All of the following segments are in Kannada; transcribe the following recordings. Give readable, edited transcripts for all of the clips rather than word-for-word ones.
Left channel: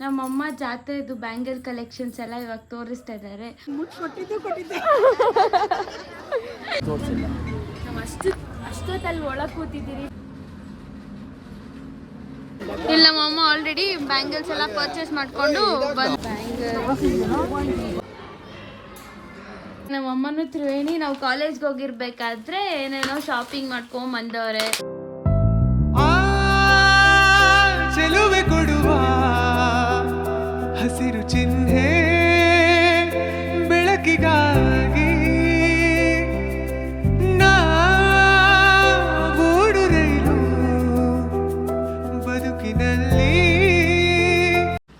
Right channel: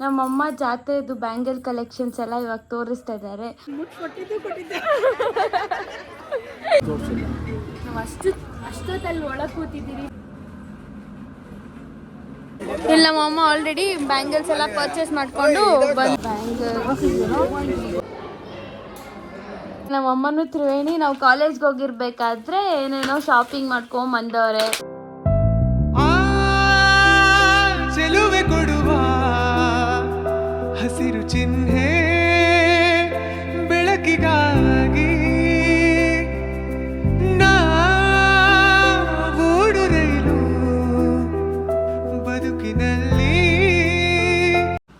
ನಮ್ಮಮ್ಮ ಜಾತ್ರೆದು ಬ್ಯಾಂಗಲ್ ಕಲೆಕ್ಷನ್ಸ್ ಎಲ್ಲ ಇವಾಗ ತೋರಿಸ್ತಾ ಇದ್ದಾರೆ. ಅಷ್ಟೊತ್ತಲ್ಲಿ ಒಳಗೆ ಕೂತಿದ್ದೀರಿ. ಇಲ್ಲಿ ನಮ್ಮಮ್ಮ ಆಲ್ರೆಡಿ ಬ್ಯಾಂಗಲ್ಸ್ ಎಲ್ಲ ಪರ್ಚೇಸ್ ಮಾಡ್ಕೊಂಡು ಬಂದು ನಮ್ಮಮ್ಮನೂ ತ್ರಿವೇಣಿ ನಾವು ಕಾಲೇಜ್ಗೆ ಹೋಗಿರ್ಬೇಕಾದ್ರೆ ಏನೇನೋ ಶಾಪಿಂಗ್ ಮಾಡ್ಕೊಂಡ್ ಬಂದವ್ರೆ. ಚೆಲುವೆ ಕೊಡುವ ಹಸಿರು ಚಿಹ್ನೆ ಬೆಳಕಿಗಾಗಿ ನಾವೂಡು ರೈಲು ಬದುಕಿನಲ್ಲಿ.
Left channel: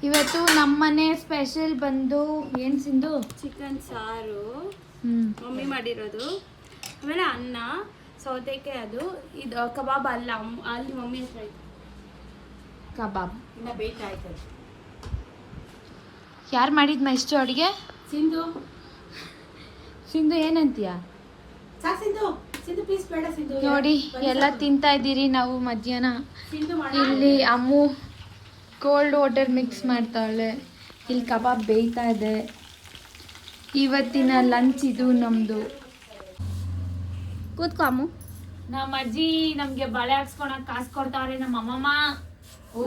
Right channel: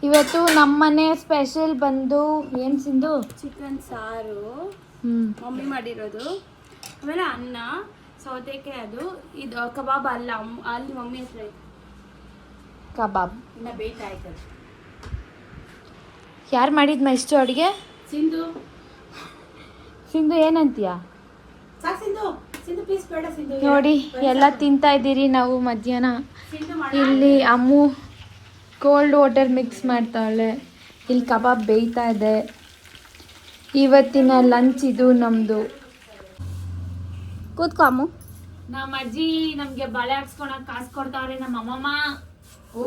ಇವತ್ತು ನಮ್ಮನೆ ಸ್ಪೆಷಲ್ ಬಂದು ಏನ್ ಸಿಂಧು? ಚಿಕನ್ ಸಾರು ಮಮ್ಮಿ ಮಾಡಿರೋದು, ಆಮೇಲೆ ಅನ್ನ, ಸೌತೆಕಾಯಿ, ಅದು ಇದು ಕಬಾಬ್ ಅಲ್ಲ, ಅಲ್ಲಿ ಮಮ್ಮಿ ಹತ್ರ ಐತೆ ಕಬಾಬ್. ಇನ್ನ ಬೇಕಾಯ್ತು. ಯಾರು ಮಾಡಿದ್ಮ ಇಷ್ಟು ಅಡುಗೆ? ಸಿಂಧು. ಸಿಂಧು ಏನಂತೀಯ? ಸಿಂಧು ಸಿಂಧು ಪೀಸ್ ಬೇಡ ಸಿಂಧು. ನೋಡಿ ಎಲ್ಲ ತಿಂತಾ ಇದ್ದೀರಿ ನಾವು ಮಧ್ಯಾಹ್ನ. ಇಲ್ಲಿ ಅಮ್ಮು ಕೋಲ್ಡ್ ವಾಟರ್ ಮಿಕ್ಸ್ ಮಾಡ್ತಾಳೆ, ಇಲ್ಲಿ ಕಬಾಬ್ ಬೇಯ್ತಾ ಇದೆ. ಇವತ್ತಿನ ಲಂಚ್ ಇದು ನಮ್ಮದು. ಕೂತ್ಕೊ ಅಮ್ಮು. ನಮ್ಮ ಅಜ್ಜಿ ನಮ್ಗೆ ಬಳೆ ಹಾಕ್ಸ್ಕೊಳಕ್ ಕಾಸು ಕೊಡ್ತಾವ್ರೆ. ನಮ್ಮ ಅಮ್ಮಮ್ಮ ಓ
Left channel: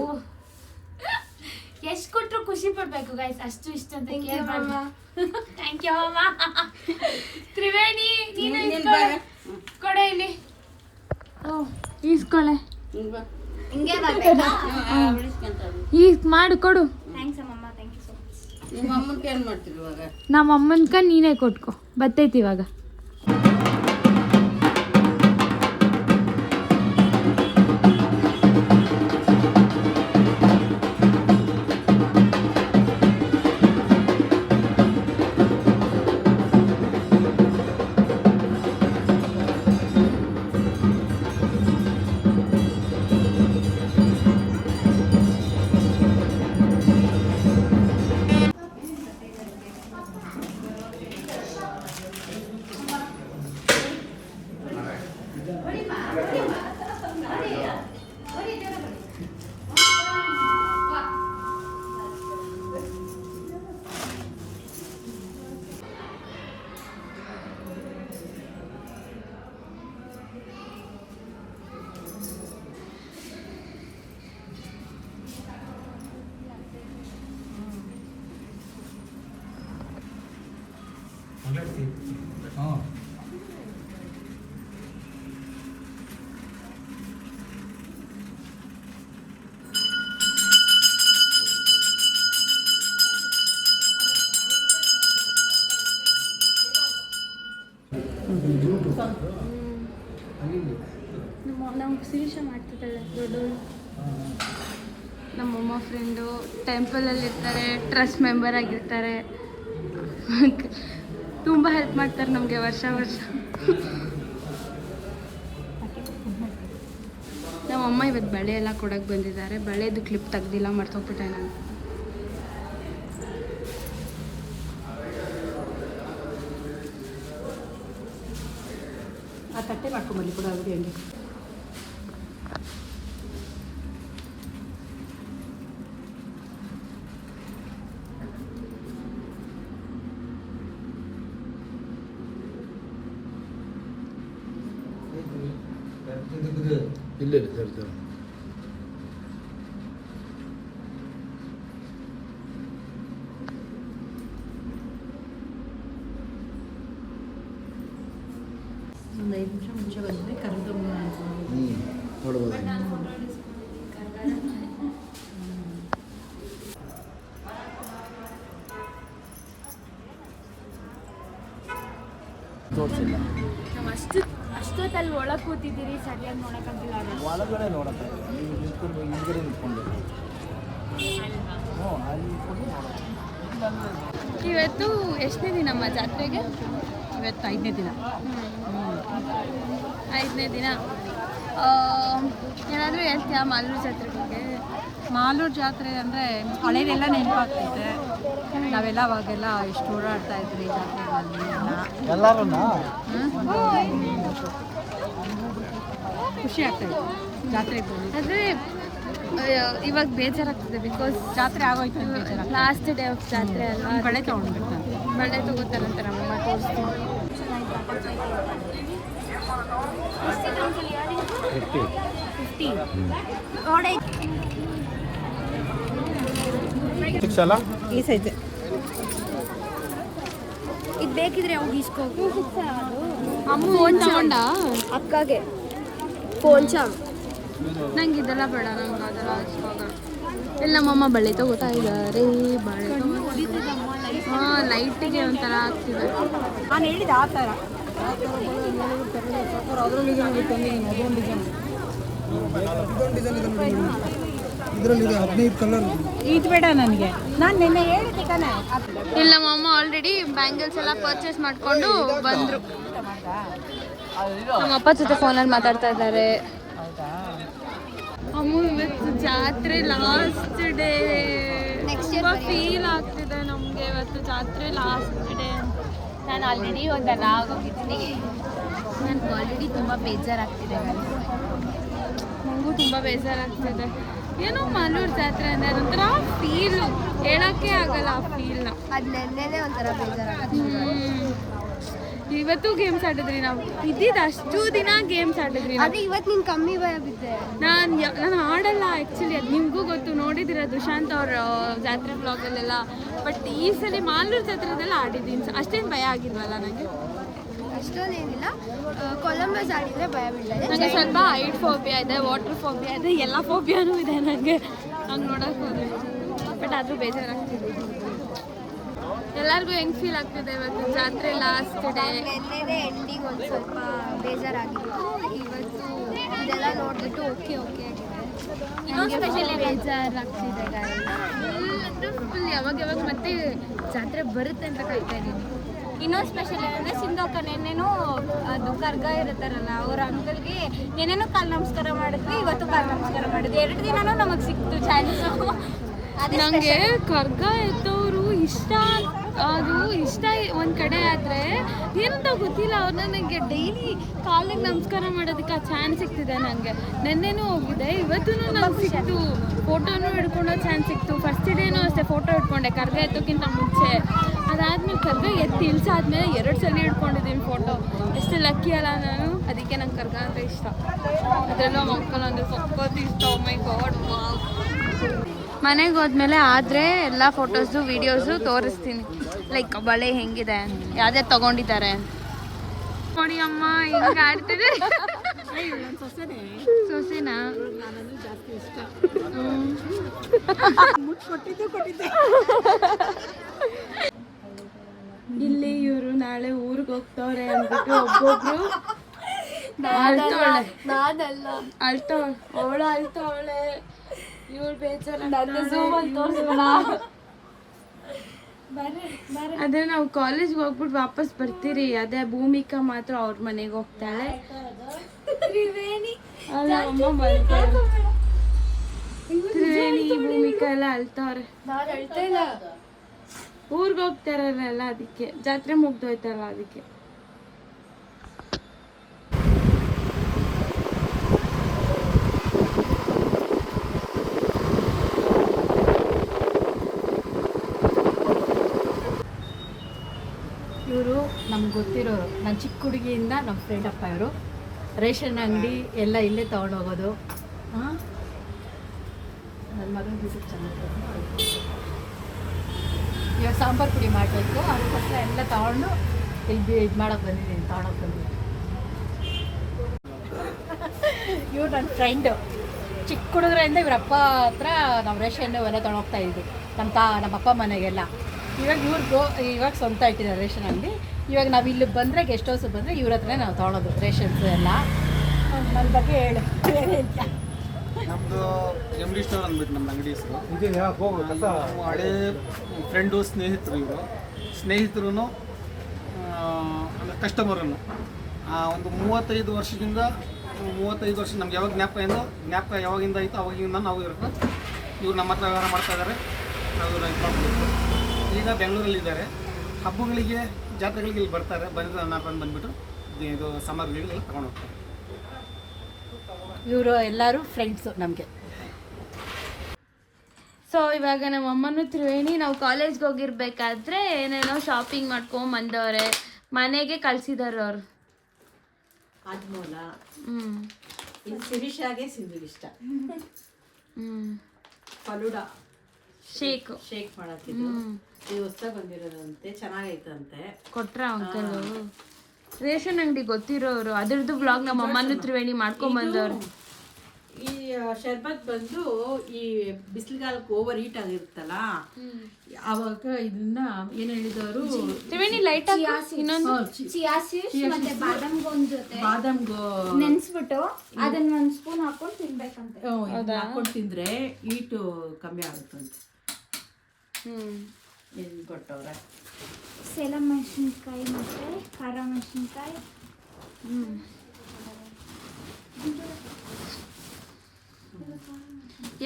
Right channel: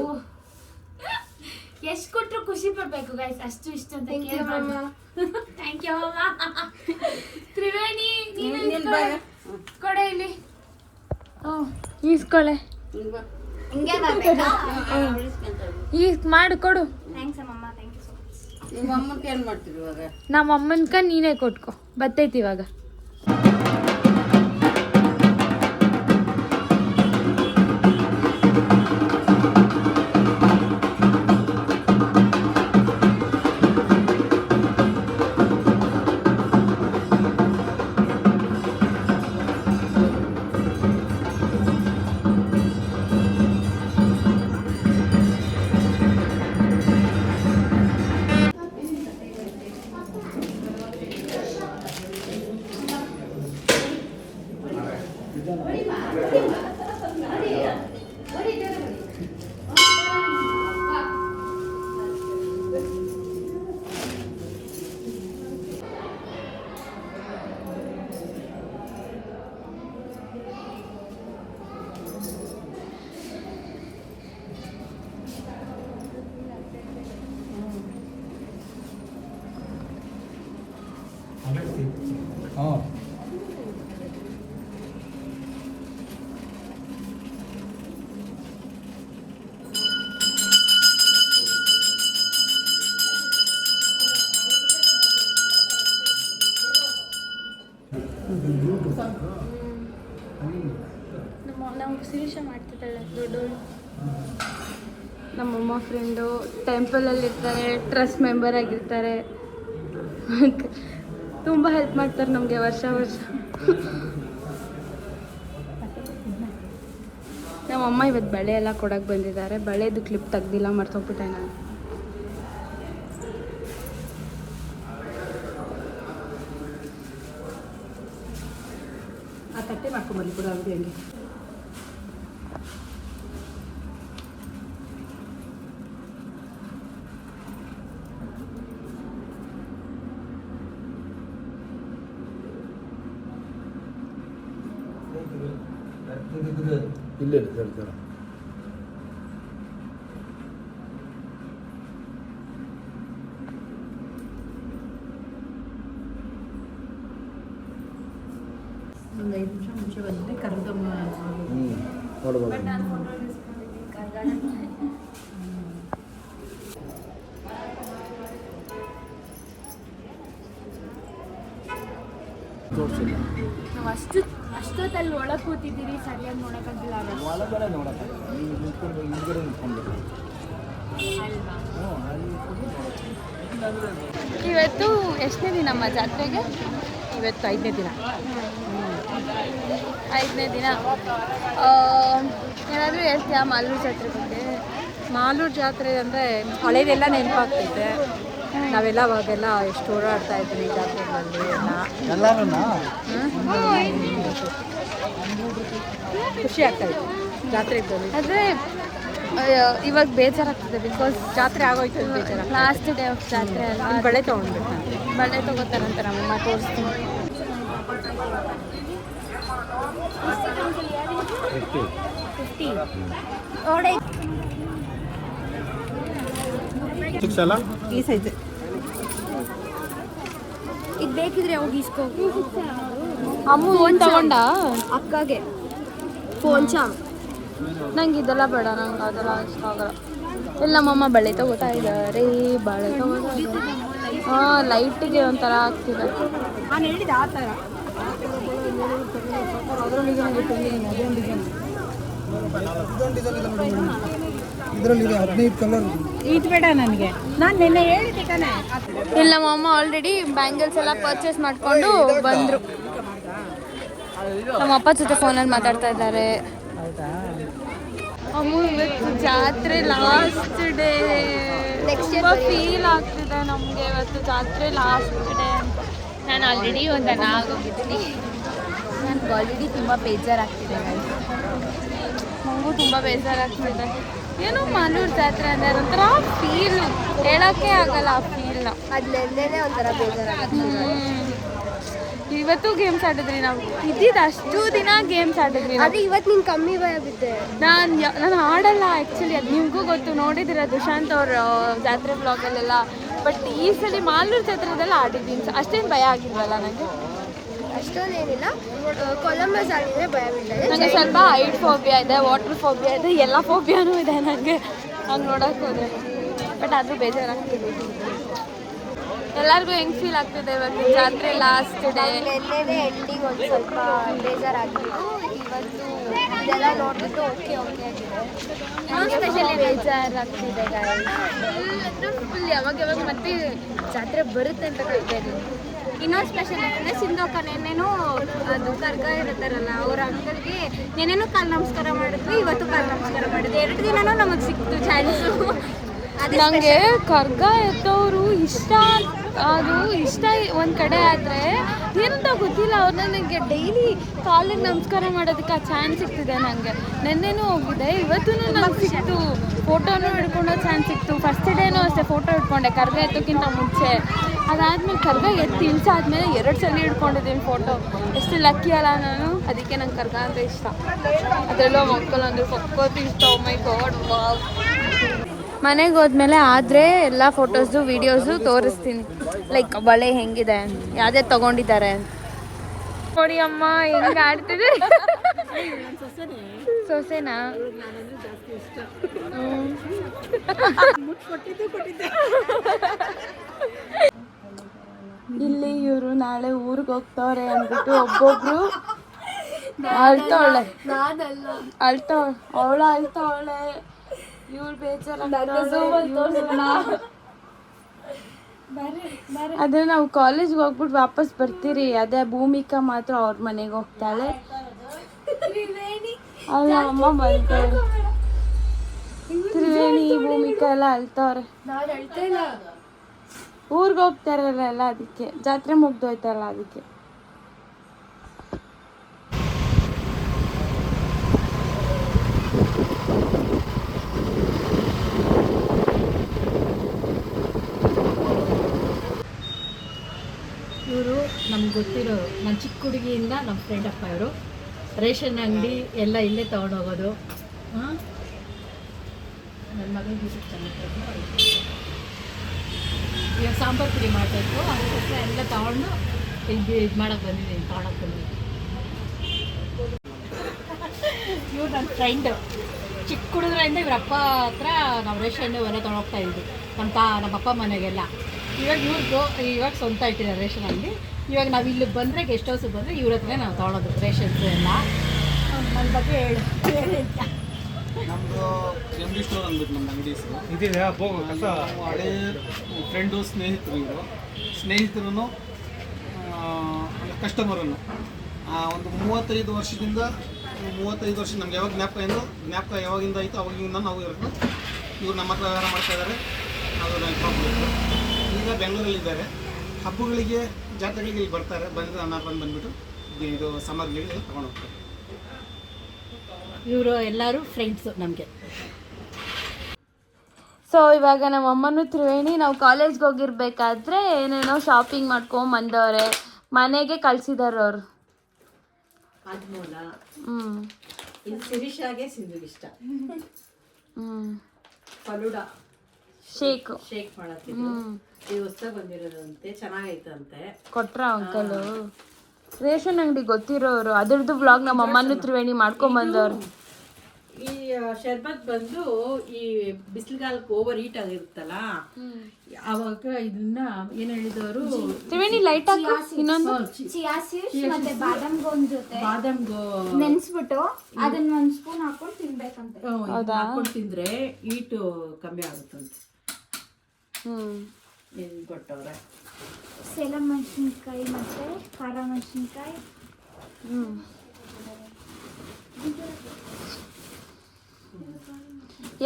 ಎಷ್ಟು ಕೊಟ್ರು ಖುಷಿ ಪಡ್ಬೇಕು ಗೈಸ್, ಅಷ್ಟು ಇಷ್ಟ ಅಂತ ಥ್ಯಾಂಕ್ ಯು ಅಮ್ಮ. ತ್ರಿವೇಣಿ ಕೊಡೆ ಇಲ್ಲಿ ಈಸ್ಕೊಳೆ, ಈಗ ಮಾಡು ಕೊಡು. ಥ್ಯಾಂಕ್ಸ್ ಅಮ್ಮಮ್ಮ, ಥ್ಯಾಂಕ್ ಯು ಸೊ ಮಚ್. ನಿಮ್ಮ ಅಮ್ಮನ್ಗೆ ಏನು ಮಾಡ್ತೀರಿ ಇವಾಗ? ನಮ್ಮ ಅಮ್ಮನ್ಕ ನೀನೇ ಕೊಟ್ಕೊ, ಬತ್ತೈತಿ ಇವಾಗ. ನಾವು ಶಿರೀಷ ಮಾಡ್ತಿದ್ದಾಳೆ ದೊಡ್ಡವಳು. ನಮ್ಮಮ್ಮ ಫ್ರೆಂಡು ಟೆಂಪಲಲ್ಲಿ ಇರ್ತಾರೆ, ಟ್ರಸ್ಟ್ ಮೆಂಬರ್ ಆಗಿರ್ತಾರೆ, ತುಂಬ ಹೆಲ್ಪ್ ಮಾಡ್ತಾರೆ ನಮಗೆ ವರ್ಷ ವರ್ಷ. ನಮ್ಮಮ್ಮ ಇವತ್ತು ಬಳೆ ಎಲ್ಲ ಕೊಡೋಕೆ ಬಂದಿದ್ದಾರೆ. ಬಳೆದು ಕ್ಲಿಪ್ ತೆಗ್ದಿಲ್ಲ, ಮರ್ತೋಗ್ಬಿಟ್ಟೆ ನಾನು. ಆ ತಟ್ಟೆ ಮಾಡ್ಕೊಂಬಲ್ಲಿ ಕೂಡ ಅವ್ರಿಗೆ ಹಂಗೆ. ಇಲ್ಲ ಸರ್ ಸರ್ ಒಂದು 5 ನಿಮಿಷ ಮುಂಚೆ ಬಂದರೆ ಕರೆದಮ್ಮ ನೋಡ್ಬೋದು. ತೋರಿಸಿಲ್ಲ ಅಷ್ಟೊತ್ತಲ್ಲಿ ಒಳಗೆ ಕೂತಿದ್ದೀರಿ, ಸರಿಯಾಗಿ ನೋಡೋಕ್ಕಾಗಿಲ್ಲ. ಒಳಗಡೆ ನೋಡಕ್ಕೆ ನೀವು ನಿಂತ್ಕೊಂಡು ಹಿಂದ್ಗಡೆ ನಿಂತ್ಕೊಂಡು ಇವತ್ತು ಎಷ್ಟನೇ ದಿನಮ್ಮ ಜಾತ್ರೆಗೆ? ಇವತ್ತು 5ನೇ ದಿನ. 5ನೇ ದಿನ. ಏನಾದರೂ ಹೇಳ್ತೀಯಾ ಮಾಲೂರು ಜಾತ್ರೆ ಬಗ್ಗೆ? ಮಾಲೂರು ಜಾತ್ರೆ ಅಂದರೆ ಹಳೇದೆಲ್ಲ ನೆನಪಾಗ್ತೈತೆ. ನಾವೆಲ್ಲ ಅವಾಗೆಲ್ಲ ಎಷ್ಟು ಓಡಾಡ್ತಾ ಇದ್ರಿ ಜಾತ್ರೆಗಳಲ್ಲಿ ಎಲ್ಲ. ಖುಷಿ ಆಗ್ತಾಯಿತ್ತು ಜಾತ್ರೆಗೆ ಬರೋದು. ಆದರೆ ಇವಾಗ ಬೇಜಾರಾಗ್ತದೆ ಬಿಕಾಸ್ ಜಾತ್ರೆ ಆಗೋಯ್ತು ಇಲ್ಲಿ ಬೇಜಾರ. ಲಾಸ್ಟ್ ಡೇ ಆಫ್ ಜಾತ್ರೆ ಅಲ್ವಾ. ಇಲ್ಲಿ ಬಳೆ ತೊಗೊಂಡ್ಬೇಕು ನಾನು. ಬಳೆ ತಗೋತಾರಂತ ನಮ್ಮಮ್ಮ ತೋರಿಸ್ತೀನಿ. ಈ ಸೈಜ್ ಇದು ಬೇಕಿದ್ರೆ ಹೋಗಿ ಇಸ್ಕೋ. ಅಮ್ಮ ಫೋನ್ ತಗೊಂಡ ಅಕ್ಕಗೆ ಫೋನ್ ಚಾಮ್. ನಂಗೆ ಇದೆಲ್ಲ ಬೇಡ, ನಂಗೆ ಅದೆಲ್ಲ ಇಷ್ಟ ಆಗಲ್ಲ. ಇಲ್ಲ ನಮ್ಮಮ್ಮ ಬಳೆ ತಗೋತಾ ಇದ್ದಾರೆ. ಬಳೆ ಹಾಂ ಲೈಟಿಗೆ ಒಂಥರ ಆಗ್ತಿದೆ. ನಾನು ಹೇಳಿದೆ ಆ ಥರ ಇದರಲ್ಲಿ 15 ಕಲರ್. ಇದು ಬೇಡ ನನಗೆ. ನಾನು ನಿನ್ನೆ ಹೇಳಿದ್ದೆ ತಾನೆ. ಇಲ್ಲ ನಮ್ಮಮ್ಮ ಆಲ್ರೆಡಿ ಬ್ಯಾಂಗಲ್ಸ್ ಎಲ್ಲ ಪರ್ಚೇಸ್ ಮಾಡ್ಕೊಂಡು ಬಂದರು. ನಮ್ಮ ಅಪ್ಪ ಜೊತೆ ಫೋನಲ್ಲಿ ಮಾತಾಡ್ತಾ ಇದ್ದಾರೆ. ಅಮ್ಮ ಇವತ್ತು ಜಾತ್ರೆ ಲಾಸ್ಟ್ ಡೇ. ತುಂಬ ಫೀಲ್ ಆಗ್ತಿದೆ ನಮಗೆ ಇವತ್ತು ಜಾತ್ರೆ ಲಾಸ್ಟ್ ಡೇ ಅಂತ. ನಾನು ಆಲ್ರೆಡಿ ಒಂದೆಲ್ಲ ಆಗೋಗಿದ್ದೀನಿ. ನನಗೆ ಆಲ್ರೆಡಿ ತುಂಬ ಬೇಜಾರಾಗ್ತಿದೆ. ನನಗೂ ತುಂಬ ಬೇಜಾರಾಗ್ತಿದೆ. ಏನೋ ಮಾಲೂರು ಜಾತ್ರೆ ಅಂದರೆ ಒಂಥರ ಫೀಲು, ಹೇಳೋಕ್ಕೆ ಆಗಲ್ಲ ಆ ಫೀಲ್ನ. ಅದು ನೆನ್ನೆನೇ ಒಂಥರ ಬೇಜಾರಾಗುತ್ತೆ. ಇವತ್ತು ಗೇಮ್ಸ್ ಆಡಿದ್ರಿ ನಾವು. ಇದ್ದಿದ್ದು ಅಷ್ಟು ದಿನ ಗೇಮ್ಸ್ ಆಡಿದ್ರಿ. ಅದು ಇವತ್ತು ನೀನು ಕಮ್ಮಿ ಭಯ ಬಿದ್ದೆ. ನಾನು ಆಡಲ್ಲ ಆ್ಯಕ್ಚುಲಿ, ಅದು ನಿಮಗೂ ಗೊತ್ತು, ನೋಡಿದಿರ ದುಶಾಂತ್ ಅವ್ರ ಜಾತ್ರೆ ಬ್ಲಾಗಲ್ಲೆಲ್ಲ. ಬಟ್ ಈ ಸಲ ಮಾಲೂರು ಜಾತ್ರೆದೆಲ್ಲ ಆಡಿದ್ದೀನಿ. ಅಷ್ಟೇನು ಭಯ ಆಗಿಲ್ವಲ್ಲ ನನಗೆ? ಅಷ್ಟೊಂದೇನಿಲ್ಲ. ಕೊಲಂಬಸ್ ಆಡಿದರೆ ಭಯ ಬಿದ್ದೆ. ನನಗೆ ಸ್ವಲ್ಪ ಹೈಟ್ ಫೋಬಿಯಾ ಇದೆ, ವಾಟರ್ ಫೋಬಿಯಾ ಇದೆ, ಎಲ್ಲ ಫೋಬಿಯಾನೂ ಇದೆ ನನಗೆ ಹಂಗೆ ನೋಡೋಕೆ ಹೋದರೆ. ಬಟ್ ಆದರೂ ಬೇಜಾರಾಗ್ತಿದೆ. ಎಲ್ಲರಿಗೂ ಹೆಂಗೆ ಫೀಲ್ ಆಗ್ತಿದೆ ಇವತ್ತು ಜಾತ್ರೆ ಲಾಸ್ಟ್ ಡೇ? ನೆನ್ನೆನೇ ಎಂಡಿಂಗ್ ಒಂದು ಸ್ವಲ್ಪ ಬೇಜಾರಾಗಿತ್ತು. ಇವತ್ತು ಇದೆಲ್ಲ ನೋಡ್ಬಿಟ್ಟು ಓಕೆ ಆಗಿದೆ. ಸ್ಪೆಷಲಿ ಬೇಜಾರಾಗ್ತಿದೆ ಫುಲ್. ಯಾವಾಗ ಮತ್ತೆ ಜಾತ್ರೆ ಬರುತ್ತೆ ಅಂತ ಕಾಯ್ತಾ ಇದ್ದೀನಿ. ಇನ್ನೊಂದು ಸ್ಪೆಷಲ್ ಏನಂದರೆ ಸಿಂಧೋಕ ನೆನ್ನೆನೂ ಅದು ಕರ್ಗ ಇರ್ತಾರಲ್ಲ ಅವ್ರ ಅಂಕಲ್ಗೆ ನೆನ್ನೆನೂ ಕಾಲು ನಮಸ್ಕಾರ ಮಾಡಿದ್ವಿ, ಇವತ್ತು ಕಾಲು ನಮಸ್ಕಾರ ಮಾಡಿದ್ವಿ. 2 ದಿನನೂ ನಮಗೆ ಸಿಕ್ತು ಚಾನ್ಸು. ನನಗೆ ಕರ್ಗ ಎತ್ತವರು ಇಷ್ಟ. ಅದು ಇಷ್ಟ ಒಂದು ಕಡೆ ಆದರೆ ಏನಂತ ಗೊತ್ತಿಲ್ಲ, ಅವ್ರು ನನಗೆ ಡೈಲಿ ಕಾಲಿಗೆ ನಮಸ್ಕಾರ ಮಾಡೋದಕ್ಕೆ ಆ ಚಾನ್ಸ್ ಸಿಗ್ತಿದೆ ನನಗೆ. ನೆನ್ನೆನೂ ಹೋಗಿದೆ, ಇವತ್ತೂ ನನಗೆ ಸಿಕ್ತು. ಫೋಟೋನೂ ಹಿಡ್ಕೊಳ್ಳೋ ಚಾನ್ಸ್ ಸಿಕ್ತು. ಫಸ್ಟ್ ಡೇನೂ ಅಷ್ಟೇ ಫೋಟೋ ಹಿಡ್ಕೊಂಡೆ ಕರ್ಗ ಎತ್ತೋಕ್ಕಿಂತ ಮುಂಚೆ. ಅದಾದಮೇಲೆ ಕರ್ಗ ಎತ್ತಿ ಇಳಿಸಾದ್ಮೇಲೆ 2 ಸಲ ಹಿಡ್ಕೊಂಡಿದ್ದೀನಿ ಫೋಟೋ. ಎಷ್ಟು ಲಕ್ಕಿ ಅಲ್ಲ ನಾನು. ಅದಕ್ಕೆ ನಂಗೆ ಕರ್ಗ ಅಂದರೆ ಇಷ್ಟ. ಅದರಲ್ಲೂ ಮಕ್ಕಳು ಅಂದರೆ ಸಕ್ಕತ್ತು ಇಷ್ಟ. ಓ ಮೈ ಗಾಡ್, ವಾವ್. ಮನೆಗೆ ಹೋದ್ಮೇಲೆ ಆದರೆ ಎಲ್ಲ ಫೋಟೋಸು ವೀಡಿಯೋಸು ತೋರಿಸ್ತೀನಿ. ಲೈಕ್ ಬಳೆ ಹೆಂಗಿದೆ, ಯಾವುದೇ ತೊಗೊಂಡಿದ್ದಾರೆ ಅಂತ. ನೋಡಿ ಅಮ್ಮ ಹೆಂಗೆ ಆಡ್ತಿದೆ. ಸೊಸೆನಾ? ಇಲ್ಲಿ ಇವರು ನಾಳೆ ಊರಿಗೆ ಹೋಗ್ತವ್ರೆ ಅಂದ್ಬಿಟ್ಟು ಒಬ್ಬೊಬ್ರು ಅಳ್ತಾವಳೆ. ಅವಳು ಅಳ್ತಾವಳೆ, ಇವಳು ಅದೇ ನಾವು ಕಾಲೇಜ್ಗೆ ಹೋಗ್ಬಿಟ್ಟು ವಾಪಸ್ ಬರ್ತೀರಿ. ಅದೇ ಭೂಮಿಕಾ ಮಾತ್ರ ಅವ್ರ ಮನೆಗೆ ಹೋಗ್ತಾಳೆ. ಅಲ್ಲ ಅಮ್ಮ ಬರ್ತಾಳೆ. ತ್ರಿವೇಣಿ ಭೂಮಿಕಾ ಎಲ್ಲ ಅಳ್ತವ್ರೆ. ಊರಿಗೆ ಹೋಗ್ತಾರಲ್ಲ ಅದಕ್ಕೆ, ಜಾತ್ರೆ ಮುಗ್ದೋಯ್ತಾರಲ್ಲ ಅದಕ್ಕೆ. ಇವರು ನಮ್ಗೆ ಗೊತ್ತಿರೋ ನನ್ನ ಚಿಕ್ಕ ಹುಡುಗಿಯಿಂದ ನಮ್ಮ ಫ್ರೆಂಡ್ ಅಪ್ಪ. ಇವರು ರೇಷನ್ ಅಂಗಡಿ ಎಲ್ಲ ಇಲ್ಲೇ ತೊಗೊಂಡೋಗೋದು. ಹಾಂ, ನನ್ನ ಮಗನ ಯೂಟ್ಯೂಬ್ ಚಾನಲ್ ಇವಾಗ ಸಾಂಬಾರು ಪುಡಿ ಮಾಡಬೇಕು, ಅದಕ್ಕೋಸ್ಕರ ಎಲ್ಲ ತೊಗೊಂಡು ಇಲ್ಲಿ ಇದು ಮಾಡೋಕ್ಕೆ ಬಂದಿದ್ದೀನಿ, ತೊಗೊಳಕ್ಕೆ ಬಂದಿದ್ದೀನಿ. ಇವ್ರು ನನ್ನ ಫ್ರೆಂಡು. ಚಿಕ್ಕ ಹುಡುಗರಿಂದ ಇವ್ರ ಅಪ್ಪ ಹತ್ರ ನಾವು ರೇಷನ್ ಎಲ್ಲ ತೊಗೊಂಡೋಗ್ತಾ ಇದ್ವಿ ನಮ್ಮ ಅಪ್ಪ ಮನೆಗೆಲ್ಲ. ಇವಾಗ ಸ್ವಂತ ಇಟ್ಟಿದ್ದಾರೆ ರೇಷನ್ ಅಂಗಡಿ. ಇವಾಗ ನಾವು ಇಲ್ಲಿಗೆ ಬಂದರೆ ಗೆಸ್ಟ್ ಹೌಸಿಗೆ ಬಂದರೆ ಇವ್ರ ಹತ್ರನೇ ನಾವು ತೊಗೊಳೋದು ರೇಷನ್ಸ್ ಎಲ್ಲ. ನನ್ನ ಬಗ್ಗೆ ಹೇಳಿ ಅಂತ. ನಮ್ಮದು ರೆಮಿಡಿ ಸ್ಟೋರ್ ಅಂದ್ಬಿಟ್ಟು ನಮ್ಮ ಅಂಗಡಿ ಹೆಸರು. ಹಳೇ ಫ್ರೆಂಡು, ಸ್ನೇಹಿತರು ಕಸ್ಟಮರನ್ನು ಒಂದು 35 ವರ್ಷದಿಂದ ನಮ್ಗೆ ಯಾವಾಗ ಜ್ಞಾಪಕ ಯಾವಾಗಿಂದ ಆಯಿತು ಅವಾಗಿಂದ ನಾವು ಇವ್ರು ನಮ್ಮ ಹತ್ರ ವ್ಯವಹಾರ ಮಾಡ್ತಾ ಇದ್ದಾರೆ. ನಾವು ಈಗ ಬೆಂಗಳೂರಲ್ಲಿದ್ದಾರೆ. ಹಬ್ಬಗಳಿಗೆ, ಜಾತ್ರೆಗಳಿಗೆ ಇಲ್ಲಿ ಬರ್ತಾರೆ. ಬಂದುಬಿಟ್ಟು ಇದು ಸಾಮಗ್ರಿಗಳಿಗೆ ತೊಗೊಂಡು ಹೋಗ್ತಾರೆ. ಇವರು ಎಲ್ಲರೂ ಫ್ರೆಂಡ್ಸು ನಮಗೆ. ಸೊ ಇವಾಗ ನಮ್ಮ ಅಮ್ಮನೂ ತ್ರಿವೇಣಿ ನಾವು ಕಾಲೇಜ್ಗೆ ಹೋಗಿರ್ಬೇಕಾದ್ರೆ ಏನೇನೋ ಶಾಪಿಂಗ್ ಮಾಡ್ಕೊಂಡ್ ಬಂದವ್ರೆ, ಮನೆಗೆ ಕಳ್ಸಿದಾರೆ ಅವರು. ಆದ್ಮೂಲ ಹ್ಮ್ ಇದು ಸಿರಿಶಾಗೆ ಸಿಂಧು ಇಷ್ಟ. ಫಲೂಡಾ ಶೇಕ್ ಮಾಡತ್ತಿದ್ರು. ಇದು ಹೊಸ ಬಂದಿರೋದಂತೆ, ಚೆನ್ನಾಗೈತಂತೆ. ಕೊಟ್ರ ಅಂಕಲು ರೇಷನ್ ಅಂಗಡಿ ಗೊತ್ತಿರೋರು, ಅದ್ರದ್ದು ಬ್ಲಾಗ್ ನಮ್ಮ ಅಮ್ಮನೂ ತ್ರಿವೇಣಿ ಮಾಡ್ಕೊಂಡ್ ಬಂದವ್ರು. ಈ ಶರ್ಬತ್ ಬಂದು ಈ ಬಿಸಿಲುಗಾಲಕ್ಕೆ ಓವರ್ ಹೀಟ್ ಆಗಿರುತ್ತಲ್ಲ, ಅವಾಗ ಇದನ್ನ ಏನ್ ಹೇಳಿದವರು ತ್ರಿವೇಣಿ ಲೈಟ್ ಇನ್ನೊಂದು ಚಿಯಾ ಸೀಡ್ಸ್ ಮತ್ತೆ ಬಾದಾಮ್ ಗೋನ್ ಜೊತೆ ಬಾದಾಮ್ ನೆನ್ಸ್ಬಿಟ್ಟು ಅದನ್ನ ಒಂದ್ ಸ್ಪೂನ್ ಹಾಕೊಂಡು ತಿನ್ಬೇಕಂತೆ. ಹಾಕೊಂಡು ತಿಂದ್ರೆ ಹೀಟು ಕಮ್ಮಿ ಆಗುತ್ತಂತೆ. ಏನ್ ಕೊಟ್ಟವ್ರೆ ಸೇಲಂ ಮೆಣಸಿನ್ಕಾಯಿ ಮತ್ತೆ ಖಾರ ಮೆಣಸಿನ್ಕಾಯಿ.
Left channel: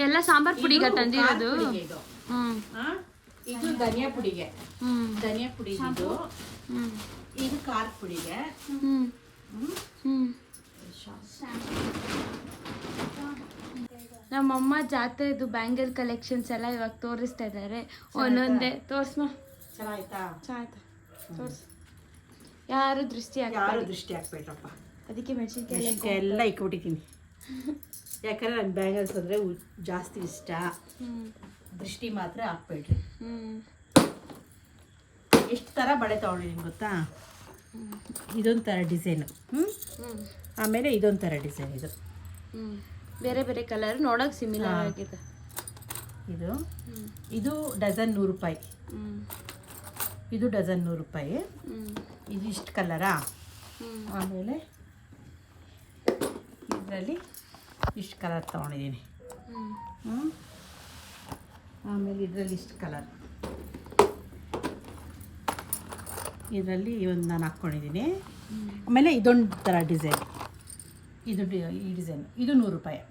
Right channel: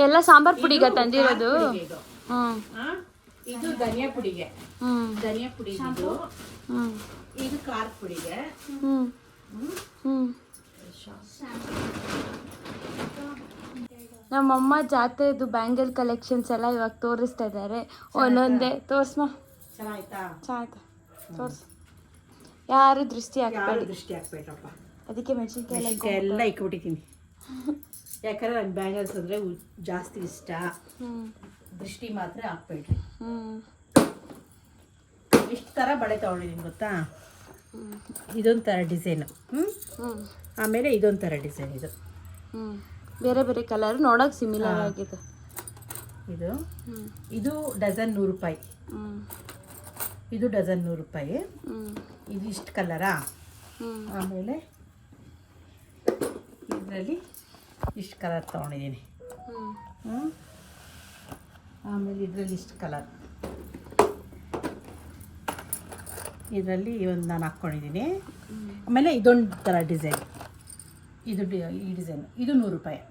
ಎಲ್ಲ ಸಾಂಬಾರ್ ಪುಡಿಗ ತಂದಿರೋದು. ಇದು ಇದು ಧನಿಯಾ ಪುಡಿಗೆ, ಧನಿಯಾ ಪುಡಿ ಇದು, ಇದು ಖಾರ ಪುಡಿಗೆ. ನಮ್ಮಮ್ಮ ಜಾತ್ರೆದು ಬ್ಯಾಂಗಲ್ ಕಲೆಕ್ಷನ್ಸ್ ಎಲ್ಲ ಇವಾಗ ತೋರಿಸ್ತಾ ಇದ್ದಾರೆ. ಒಂದೊಂದೇ ತೋರ್ಸ್ಮ. ಚೆನ್ನಾಯ್ತಾ? ಚೆನ್ನಾಯ್ತಾ? ತೋರ್ಸ್. ಯಾರು ದೃಷ್ಟಿ ದೃಷ್ಟಿ ಹಾಕ್ಬೇಕಪ್ಪ. ಅದಕ್ಕೆ ಮೆಣಸಿನ್ಕಾಯಿ ಎಲ್ಲ ಇಕ್ಬಿಟ್ಟಿದ್ದೀನಿ. ಯಾಕಂದ್ರೆ ನನ್ನ ಬ್ಯಾಂಗಲ್ಸ್ ಅಂದರೆ ಜಾಸ್ತಿ ಇಷ್ಟ. ದೃಷ್ಟಿ ಮಾತ್ರ ಹಾಕ್ಬೇಡ್ರಿ. ಎಷ್ಟು ಥರ ಬಳೆ ತೊಗೊಂಡಿದ್ದೀನಿ ಗೊತ್ತಾ? ಇದೊಂದು ಥರ ಡಿಸೈನು, ಆಮೇಲೆ ಇದೊಂದು ಥರ ಡಿಸೈನ್. ಇದು ಬೇರೆ ಬೇರೆ ಕಲರ್ ನೋಡೋಕೆ ಸಿಮಿಲರ್ ಆಗಿದೆ. ಇದು ಡಜನ್ 100 ರೂಪಾಯಿ. ಇದು ಡಜನ್ 100 ರೂಪಾಯಿ. ಇದು ಇಷ್ಟು ಕಲರಾ? ಆಮೇಲೆ ಇದರಲ್ಲಿ ಇಷ್ಟು ಕಲರ್ ತೊಗೊಂಡಿದ್ದೀನಿ. ಆಮೇಲೆ ಇದರಲ್ಲಿ ಇಷ್ಟು ಕಲರ್, ಇದರಲ್ಲಿ ಒಂದು ನಾನು ಹಾಕ್ಕೊಂಡಿದ್ದೀನಿ. ಆಮೇಲೆ ಇದೊಂದು ಥರ ಡಿಸೈನ್, ಇದು ಈ ಡಿಸೈನ್, ಇದು 100 ರೂಪಾಯಿ.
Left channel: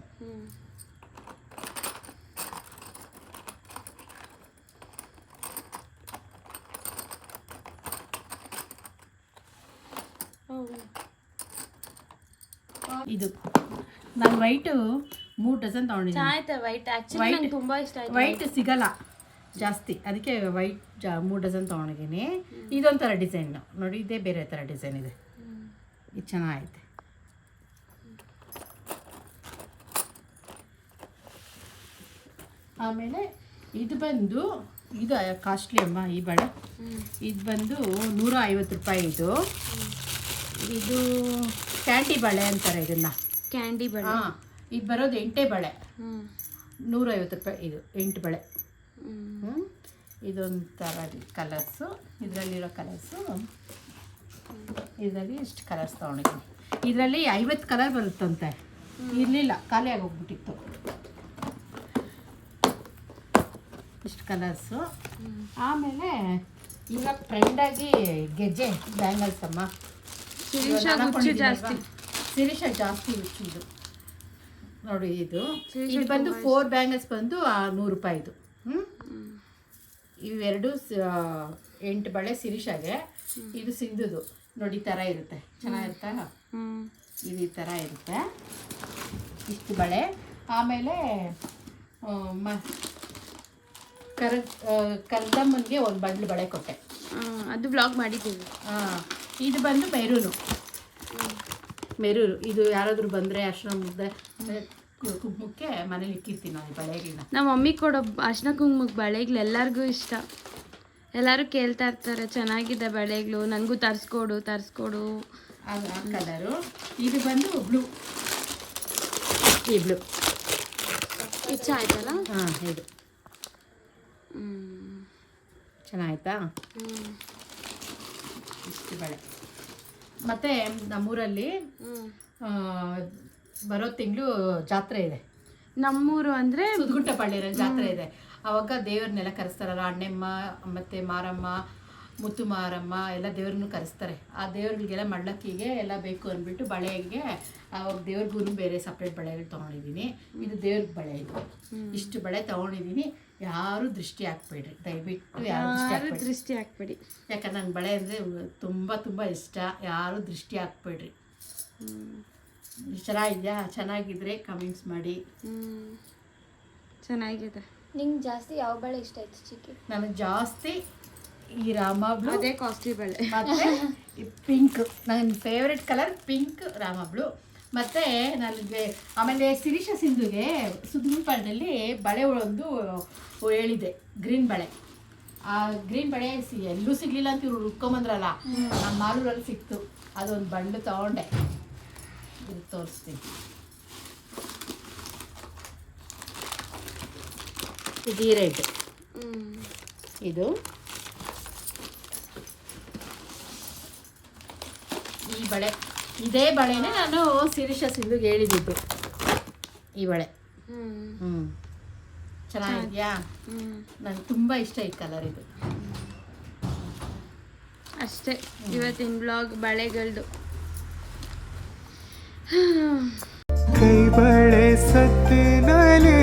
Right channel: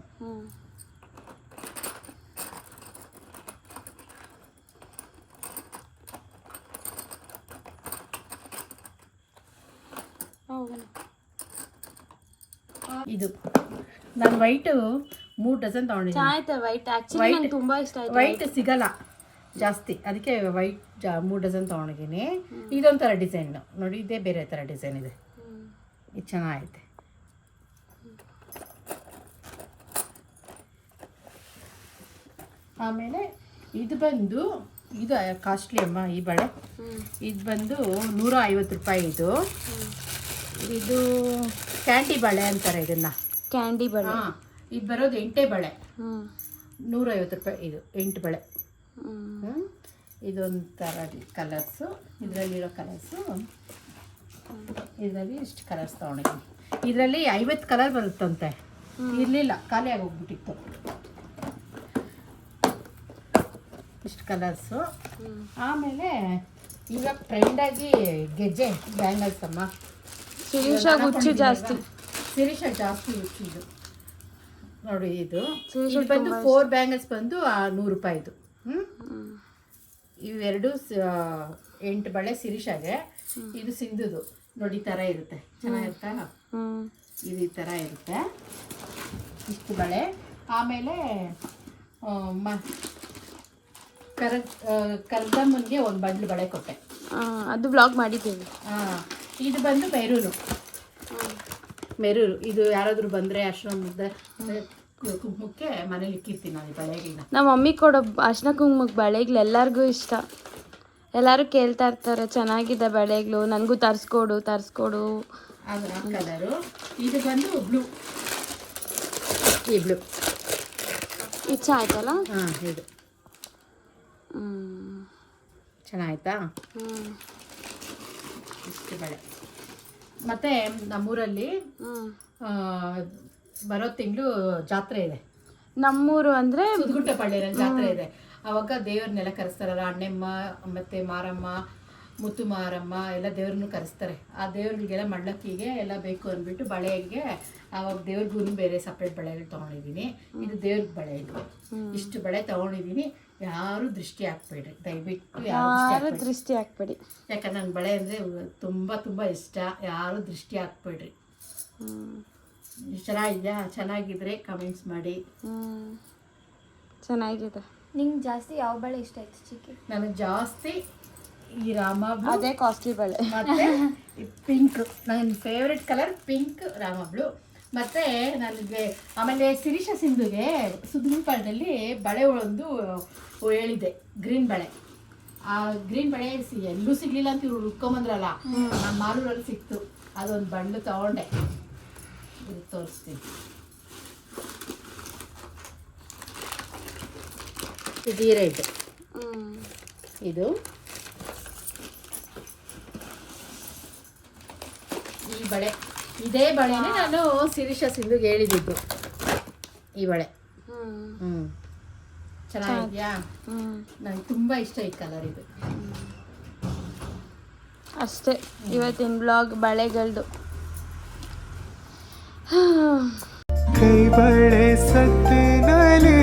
ಇದು ನಾನು ವೈಟು 3 ಡಜನ್ ತೊಗೊಂಡಿದ್ದೀನಿ. ವೈಟ್ ಸಿಗಲ್ಲ ಜಾಸ್ತಿ, ಅದಕ್ಕೆ ವೈಟ್ 3 ಡಜನ್ ತೊಗೊಂಡಿದ್ದೀನಿ. ಇದೊಂಥರ ಡಿಸೈನ್ ನೋಡಿ, ಇದೇ ಬೇರೆ ಥರ ಡಿಸೈನ್ ಇದೆ. ಇದು ಚೆನ್ನಾಗೈತೆ. ಆಮೇಲೆ ಇದು ಬಂದು, ಇದು ಕಾಸ್ಟ್ಲಿ ಅಮ್ಮ ಈ ಬಳೆ. ಇದು ಬಂದು 150 ರೂಪಾಯಿ. ಇದು ಕ್ಯಾಂಡಿ ಬಳೆ ಅಂತಾರೆ ಇದನ್ನ. ಕ್ಯಾಂಡಿ ಬಳೆ. ಇದು ಬರೋದು 8 ಬಳೆ, 150 ರೂಪಾಯಿ. ಇದು 8 ಬಳೆ. ಇದೊಂಥರ ಕಲರ್ಸು, ಇದರಲ್ಲಿರೋ ಕಲರ್ಸು, ಇದರಲ್ಲಿ ಇಷ್ಟು ಕಲರ್ಸ್ ತೊಗೊಂಡಿದ್ದೀನಿ. ಇದರಲ್ಲಿ 50 ಕಲರ್ ಬರುತ್ತಂತೆ, ಇರಲಿಲ್ಲ, ಖಾಲಿ ಆಗೋಗ್ಬಿಟ್ಟಿತ್ತು. ಇಷ್ಟು ಕಲರ್ಸು. ಆಮೇಲೆ ಇವಾಗ ಟ್ರೆಂಡಾಗಿ ಗೆಜ್ಜೆ ಬ್ಯಾಂಗಲ್ಸ್ ಅಮ್ಮ. ಶಿರೀಷಾ ಜಾಸ್ತಿ, ಶಿರೀಷಾ ಜಾಸ್ತಿ ಹುಚ್ಚಿದು ನೋಡಿ. ಇದು ಬಂದು 4 ಬ್ಯಾಂಗಲ್ಸ್ ಬಂದು 100 ರೂಪಾಯಿದು. ಇವೆರಡು 8 ಬಳೆ ಶಿರೀಷಾಗೆ. ಇದು ಸಿಂಧುದು ನೋಡಿ, ಈ ಥರ ಇರುತ್ತೆ, ಚೆನ್ನಾಗಿರುತ್ತಾ? ಇದು ಈ ಥರ ಇರುತ್ತೆ, ಇಷ್ಟು ಬಳೆ. ಆಮೇಲೆ ಕರ್ದಮ್ಮನಿಗೆ ಒಂದು ಬಂಡ್ಲು ಬಳೆ ಕೊಟ್ಟೆ, ಅದು ಬ್ಲಾಗ್ ಮಾಡಿದ್ದೀವಿ. ಇದು ಬಂದು ಮೆರೂನು. ಇದು ಯಾರಾದರೂ ಬಂದರೆ ಆಶ್ರಮದ ಕುಂಕುಮಕ್ಕೆ ಮನೇಲಿ ಇಕ್ಕಿರ್ತೀನಿ ನಾನು ಈ ಬಳೆಗಳನ್ನ. ನಮ್ಮ ಮಮ್ಮಿ ಕೊಡೋ ಅರ್ಶಿನ ಕುಂಕುಮಕ್ಕೆ ಬಳೆಗಳು ಎಲ್ಲರಿಗೂ ಇಷ್ಟ. ಎಲ್ಲರೂ ಕೇಳ್ತಾ ಇರ್ತಾರೆ, ಚೆನ್ನಾಗಿದೆ ಬಳೆಗಳು, ನನಗೂ ತರಿಸ್ಕೊಡು. ಅದು ಆ ಕಲರು. ಇದು ಬಂದು ಬ್ಲೂ, ಈ ಬ್ಲೂ ಇಚ್ಛ ಆಯ್ತಲ್ಲ. ಇದು ಚೆನ್ನಾಯ್ತಾ? ಇಷ್ಟು ಬಳೆ. ಮತ್ತು ನಮ್ಮೂರಲ್ಲಿ ಬರೋ ತಿಂಗಳು ಜಾತ್ರೆ ಇದೆ. ನಮ್ಮೂರು ಅಂದರೆ ಸುದ್ಗುಂಟಪಳ್ಳಿಯಲ್ಲಿ ಜಾತ್ರೆ ಇದೆ. ಆವಾಗ ದೇವ್ರನ್ನೆಲ್ಲ ಕರೆಸ್ತಾರಲ್ಲ, ಅಣ್ಣಮ್ಮ ಮತ್ತು ಮಾರಮ್ಮ, ಮುತ್ತು ಮಾರಮ್ಮ ಎಲ್ಲ ದೇವ್ರನ್ನೂ ಕರೆಸ್ತಾರೆ. ಆ ದೇವ್ರಿಗೆಲ್ಲ ಮಳ್ಳಕ್ಕಿಗೆ ಎಲ್ಲ ಬೇಕು ಅಂದ್ಬಿಟ್ಟು ಬಳೆಗೆ ಆವಾಗ ದೇವ್ರಿಗೂ ಬೇರೆ ಸಪ್ರೇಟ್ ಬಳೆಗಳು ತೊಗೊಂಡಿದ್ದೀನಿ. ಇದು ದೇವ್ರಿಗೆ ಬಳೆ. ಇದು ಇಷ್ಟು ಬಳೆ ತೊಗೊಂಡಿದ್ದೀನಿ. ಯಾರು ದೃಷ್ಟಿ ಹಾಕ್ಬೇಡ್ರಿ ದಯವಿಟ್ಟು, ಯಾರು ದೃಷ್ಟಿ ಹಾಕ್ಬೇಡಿ. ಯಾಕಂದ್ರೆ ನನ್ನ ಬಳೆ ಅಂದರೆ ತುಂಬ ತುಂಬ ಇಷ್ಟ. ಯಾರು ದೃಷ್ಟಿ ಹಾಕ್ಬೇಡ್ರಿ. ಚೆನ್ನಾಗಿದೆಯಾ? ಚೆನ್ನಾಗಿದ್ರೆ ಕಮೆಂಟ್ಸ್ ಮಾಡಿ. ಚೆನ್ನಾಗಿದೆ. ನಿಂಗೆ ಜಾಸ್ತಿ ಯಾವ ಬಳೆ ಇಷ್ಟ ಆಯ್ತು ಚಿಕ್ಕಿ? ನನಗೆ ಜಾಸ್ತಿ ಈ ರಾಮ ಬ್ಲೂ ಅದೇ ಕಾಸ್ಟ್ಲಿ ಬಳೆ. ಮತ್ತೆ ಪಿಂಕ್, ನನ್ನ favourite colour pink Rama blue. ಮತ್ತು ನನಗೆ ಆಮೇಲೆ ಶಿರೀಷ ಸಿಂಧುಗೆ ಸುದ್ದಿಪಾಳ್ಯದಲ್ಲಿ ಬಳೆ ಒಂದು ಹೇಳಿದೆ, ಗ್ರೀನ್ ಬಳೆ. ಆ ಗ್ರೀನ್ ಬಳೆ ಎಲ್ಲೂ ಸಿಗಲಿಲ್ಲ ಅಂತ ಇವ್ರು ಹುಡ್ಕೊಂಬಂದ್ರಲ್ಲ, ನಮ್ಮ ಮಾಲೂರಲ್ಲಿ ಸಿಕ್ತು. ಅದೊಂದು ಬಂಡು ತಗೊಂಡೆ, ಇದು ತೋರಿಸ್ತೀನಿ. ಇದು ರೆಡ್, ಇದು ಈ ಬಳೆ. ಇದೇ ಬಳೆನೇ ನಾನು ಶಿರೀಷ ಸಿಂಧುಗೆ ಹೇಳಿದ್ದು, ಈ ಬಳೆ. ಚೆನ್ನಾಗಿದ್ಯಾ? ನಂಗೆ ತುಂಬ ಇಷ್ಟ ಈ ಕಲರ್ ಇದು. ಅಷ್ಟೇ ಇವತ್ತಿನ ಬ್ಲಾಗ್ ಬಳೆಗಳದು. ಕೈ ಬಳೆ ಸತ್ತಿನಲೇ